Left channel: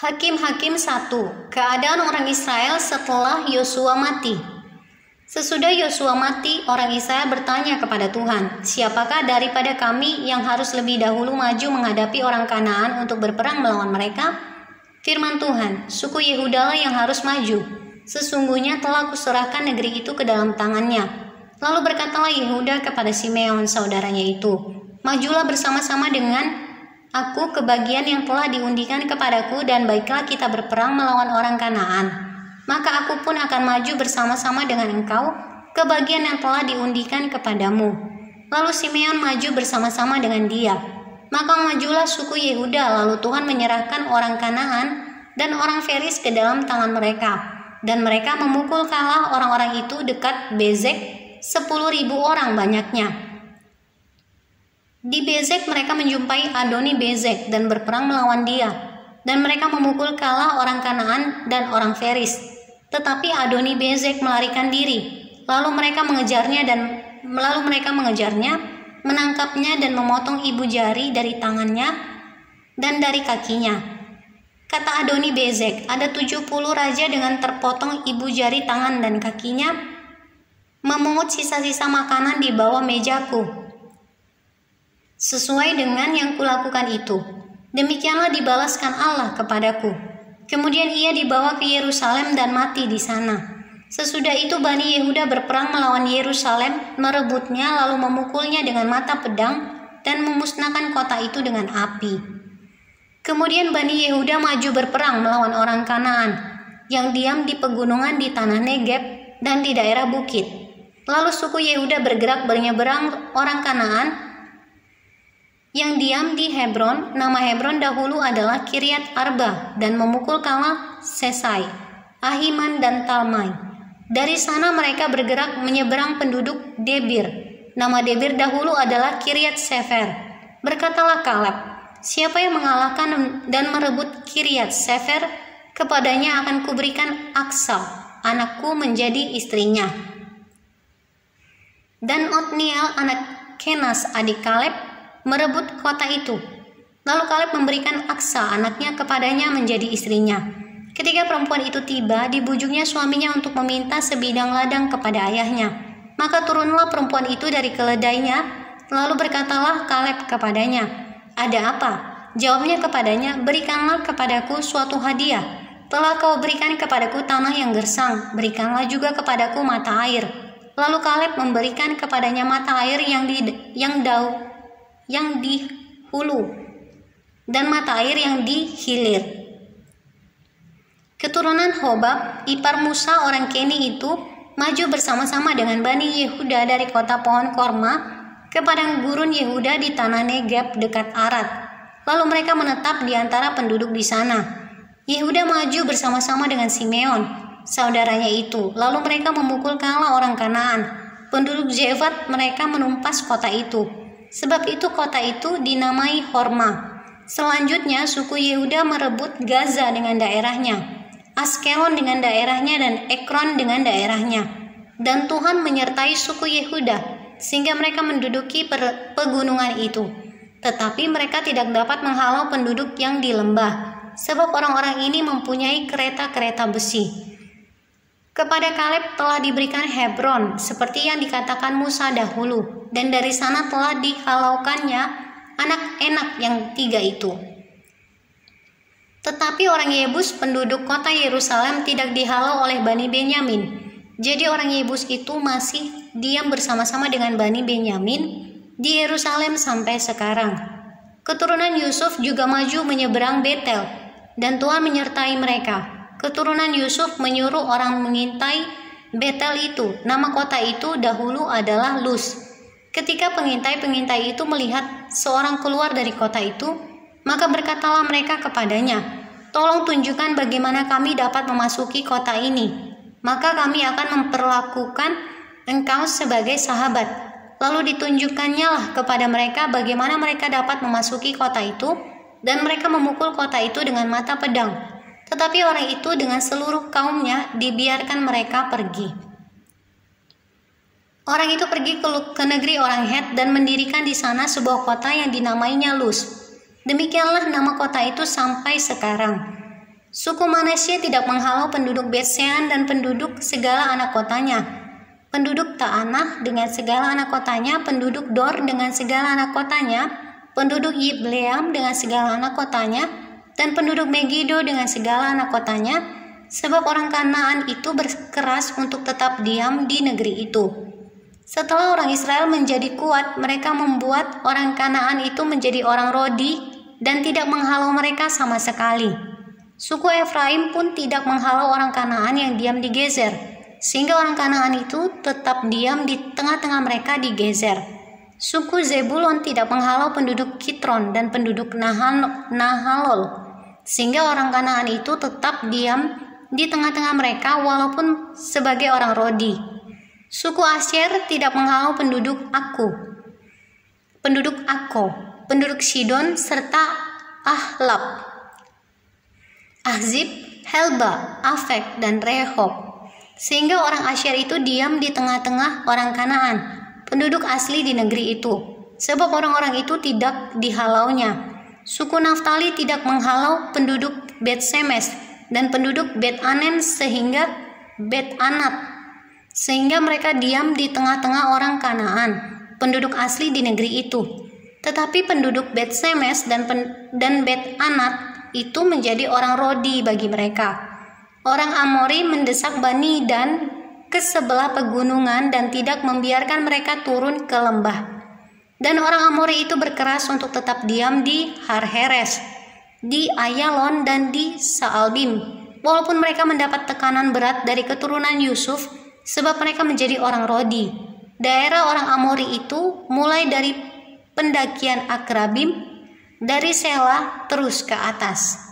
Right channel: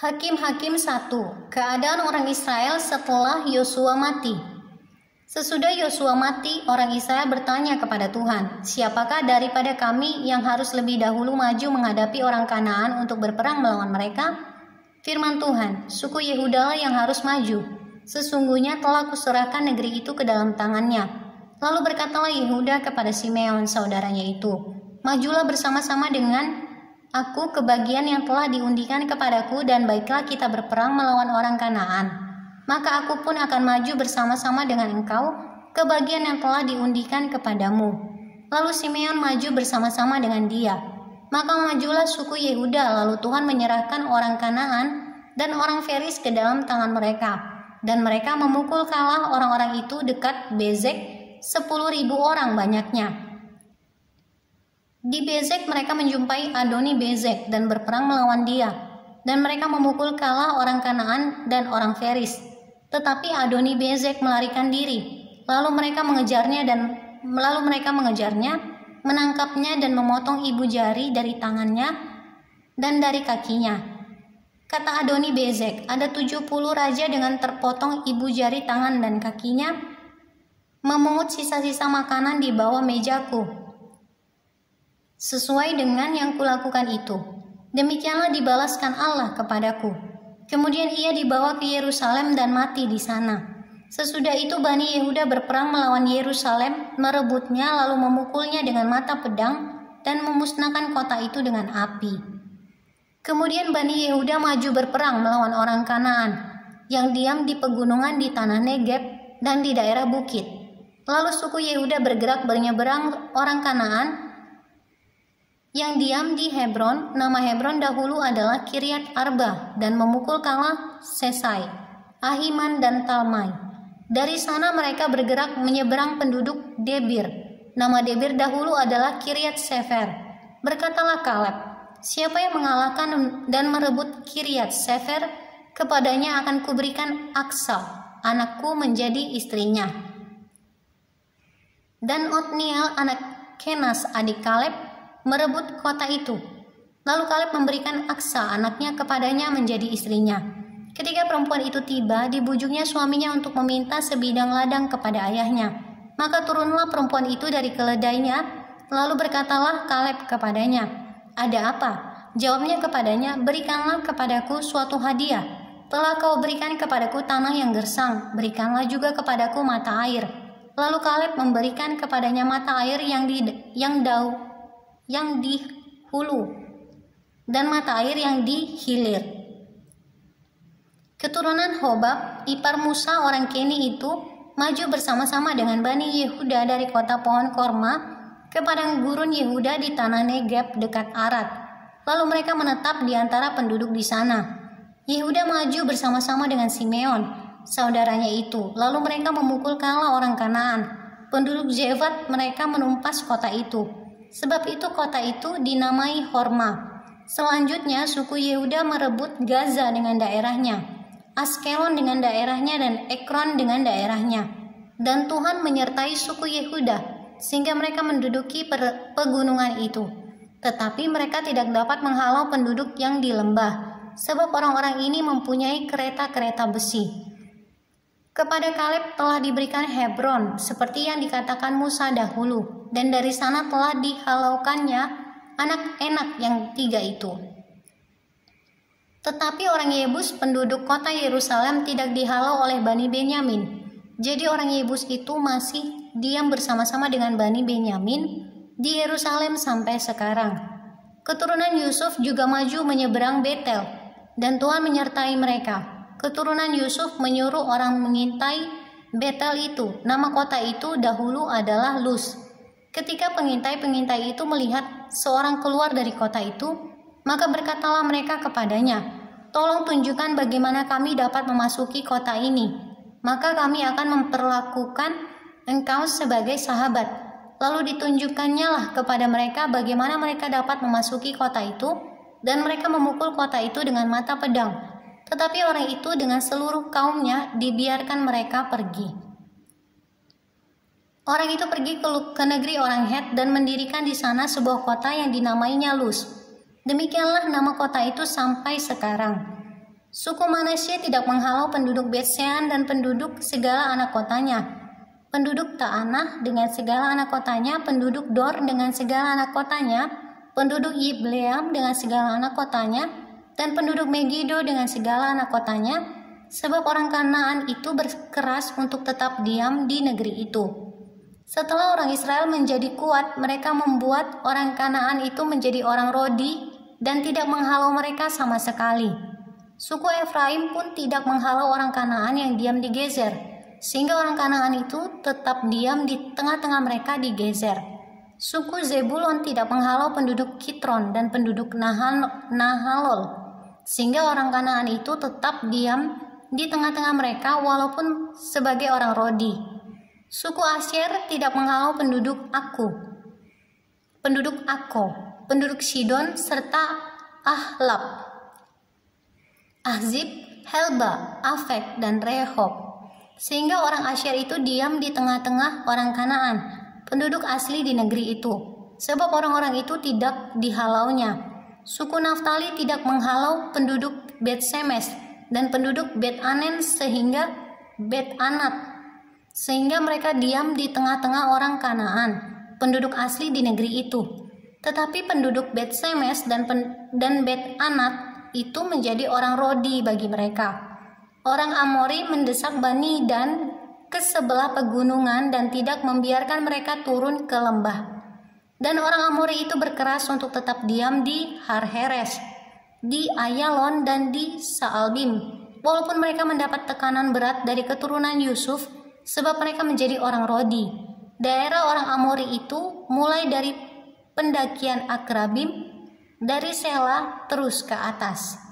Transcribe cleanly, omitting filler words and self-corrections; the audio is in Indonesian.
Hakim-Hakim 1. Keadaan orang Israel setelah Yosua mati. Sesudah Yosua mati, orang Israel bertanya kepada Tuhan, "Siapakah daripada kami yang harus lebih dahulu maju menghadapi orang Kanaan untuk berperang melawan mereka?" Firman Tuhan, "Suku Yehudalah yang harus maju. Sesungguhnya telah kuserahkan negeri itu ke dalam tangannya." Lalu berkatalah Yehuda kepada Simeon saudaranya itu, "Majulah bersama-sama dengan aku ke bagian yang telah diundikan kepadaku, dan baiklah kita berperang melawan orang Kanaan. Maka aku pun akan maju bersama-sama dengan engkau ke bagian yang telah diundikan kepadamu." Lalu Simeon maju bersama-sama dengan dia. Maka majulah suku Yehuda, lalu Tuhan menyerahkan orang Kanaan dan orang Feris ke dalam tangan mereka. Dan mereka memukul kalah orang-orang itu dekat Bezek, 10.000 orang banyaknya. Di Bezek mereka menjumpai Adoni Bezek dan berperang melawan dia, dan mereka memukul kalah orang Kanaan dan orang Feris. Tetapi Adoni Bezek melarikan diri, lalu mereka mengejarnya, menangkapnya dan memotong ibu jari dari tangannya dan dari kakinya. Kata Adoni Bezek, "Ada 70 raja dengan terpotong ibu jari tangan dan kakinya, memungut sisa-sisa makanan di bawah mejaku. Sesuai dengan yang kulakukan itu, demikianlah dibalaskan Allah kepadaku." Kemudian ia dibawa ke Yerusalem dan mati di sana. Sesudah itu Bani Yehuda berperang melawan Yerusalem, merebutnya lalu memukulnya dengan mata pedang dan memusnahkan kota itu dengan api. Kemudian Bani Yehuda maju berperang melawan orang Kanaan yang diam di pegunungan di tanah Negeb dan di daerah bukit. Lalu suku Yehuda bergerak menyeberang orang Kanaan yang diam di Hebron. Nama Hebron dahulu adalah Kiryat Arba, dan memukul kalah Sesai, Ahiman dan Talmai. Dari sana mereka bergerak menyeberang penduduk Debir. Nama Debir dahulu adalah Kiryat Sefer. Berkatalah Kaleb, "Siapa yang mengalahkan dan merebut Kiryat Sefer, kepadanya akan kuberikan Aksal, anakku, menjadi istrinya." Dan Otniel anak Kenas adik Kaleb merebut kota itu. Lalu Kaleb memberikan Aksal anaknya kepadanya menjadi istrinya. Ketika perempuan itu tiba, dibujuknya suaminya untuk meminta sebidang ladang kepada ayahnya. Maka turunlah perempuan itu dari keledainya, lalu berkatalah Kaleb kepadanya, "Ada apa?" Jawabnya kepadanya, "Berikanlah kepadaku suatu hadiah. Telah kau berikan kepadaku tanah yang gersang, berikanlah juga kepadaku mata air." Lalu Kaleb memberikan kepadanya mata air yang di hulu dan mata air yang di hilir. Keturunan Hobab, ipar Musa orang Keni itu, maju bersama-sama dengan Bani Yehuda dari kota pohon korma ke padang gurun Yehuda di tanah Negeb dekat Arad. Lalu mereka menetap di antara penduduk di sana. Yehuda maju bersama-sama dengan Simeon, saudaranya itu. Lalu mereka memukul kalah orang Kanaan. Penduduk Zevat mereka menumpas kota itu. Sebab itu kota itu dinamai Horma. Selanjutnya suku Yehuda merebut Gaza dengan daerahnya, Askelon dengan daerahnya, dan Ekron dengan daerahnya. Dan Tuhan menyertai suku Yehuda sehingga mereka menduduki pegunungan itu. Tetapi mereka tidak dapat menghalau penduduk yang di lembah, sebab orang-orang ini mempunyai kereta-kereta besi. Kepada Kaleb telah diberikan Hebron seperti yang dikatakan Musa dahulu, dan dari sana telah dihalaukannya anak Enak yang 3 itu. Tetapi orang Yebus penduduk kota Yerusalem tidak dihalau oleh Bani Benyamin. Jadi orang Yebus itu masih diam bersama-sama dengan Bani Benyamin di Yerusalem sampai sekarang. Keturunan Yusuf juga maju menyeberang Betel, dan Tuhan menyertai mereka. Keturunan Yusuf menyuruh orang mengintai Betel itu. Nama kota itu dahulu adalah Luz. Ketika pengintai-pengintai itu melihat seorang keluar dari kota itu, maka berkatalah mereka kepadanya, "Tolong tunjukkan bagaimana kami dapat memasuki kota ini. Maka kami akan memperlakukan engkau sebagai sahabat." Lalu ditunjukkannya lah kepada mereka bagaimana mereka dapat memasuki kota itu, dan mereka memukul kota itu dengan mata pedang. Tetapi orang itu dengan seluruh kaumnya dibiarkan mereka pergi. Orang itu pergi ke negeri orang Het dan mendirikan di sana sebuah kota yang dinamainya Luz. Demikianlah nama kota itu sampai sekarang. Suku Manasye tidak menghalau penduduk Bet-Sean dan penduduk segala anak kotanya, penduduk Ta'anah dengan segala anak kotanya, penduduk Dor dengan segala anak kotanya, penduduk Yibleam dengan segala anak kotanya, dan penduduk Megido dengan segala anak kotanya, sebab orang Kanaan itu berkeras untuk tetap diam di negeri itu. Setelah orang Israel menjadi kuat, mereka membuat orang Kanaan itu menjadi orang Rodi dan tidak menghalau mereka sama sekali. Suku Efraim pun tidak menghalau orang Kanaan yang diam di Gezer, sehingga orang Kanaan itu tetap diam di tengah-tengah mereka di Gezer. Suku Zebulon tidak menghalau penduduk Kitron dan penduduk Nahalol, sehingga orang Kanaan itu tetap diam di tengah-tengah mereka walaupun sebagai orang Rodi. Suku Asyer tidak menghalau penduduk Ako, penduduk Sidon serta Ahlab, Ahzib, Helba, Afek, dan Rehob, sehingga orang Asyer itu diam di tengah-tengah orang Kanaan, penduduk asli di negeri itu, sebab orang-orang itu tidak dihalaunya. Suku Naftali tidak menghalau penduduk Bet-Semes dan penduduk Bet-Anen sehingga Bet-Anat, sehingga mereka diam di tengah-tengah orang Kanaan, penduduk asli di negeri itu. Tetapi penduduk Bet-Semes dan Bet-Anat itu menjadi orang Rodi bagi mereka. Orang Amori mendesak Bani Dan ke sebelah pegunungan dan tidak membiarkan mereka turun ke lembah. Dan orang Amori itu berkeras untuk tetap diam di Har-Heres, di Ayalon, dan di Saalbim, walaupun mereka mendapat tekanan berat dari keturunan Yusuf, sebab mereka menjadi orang Rodi. Daerah orang Amori itu mulai dari pendakian Akrabim, dari Sela terus ke atas.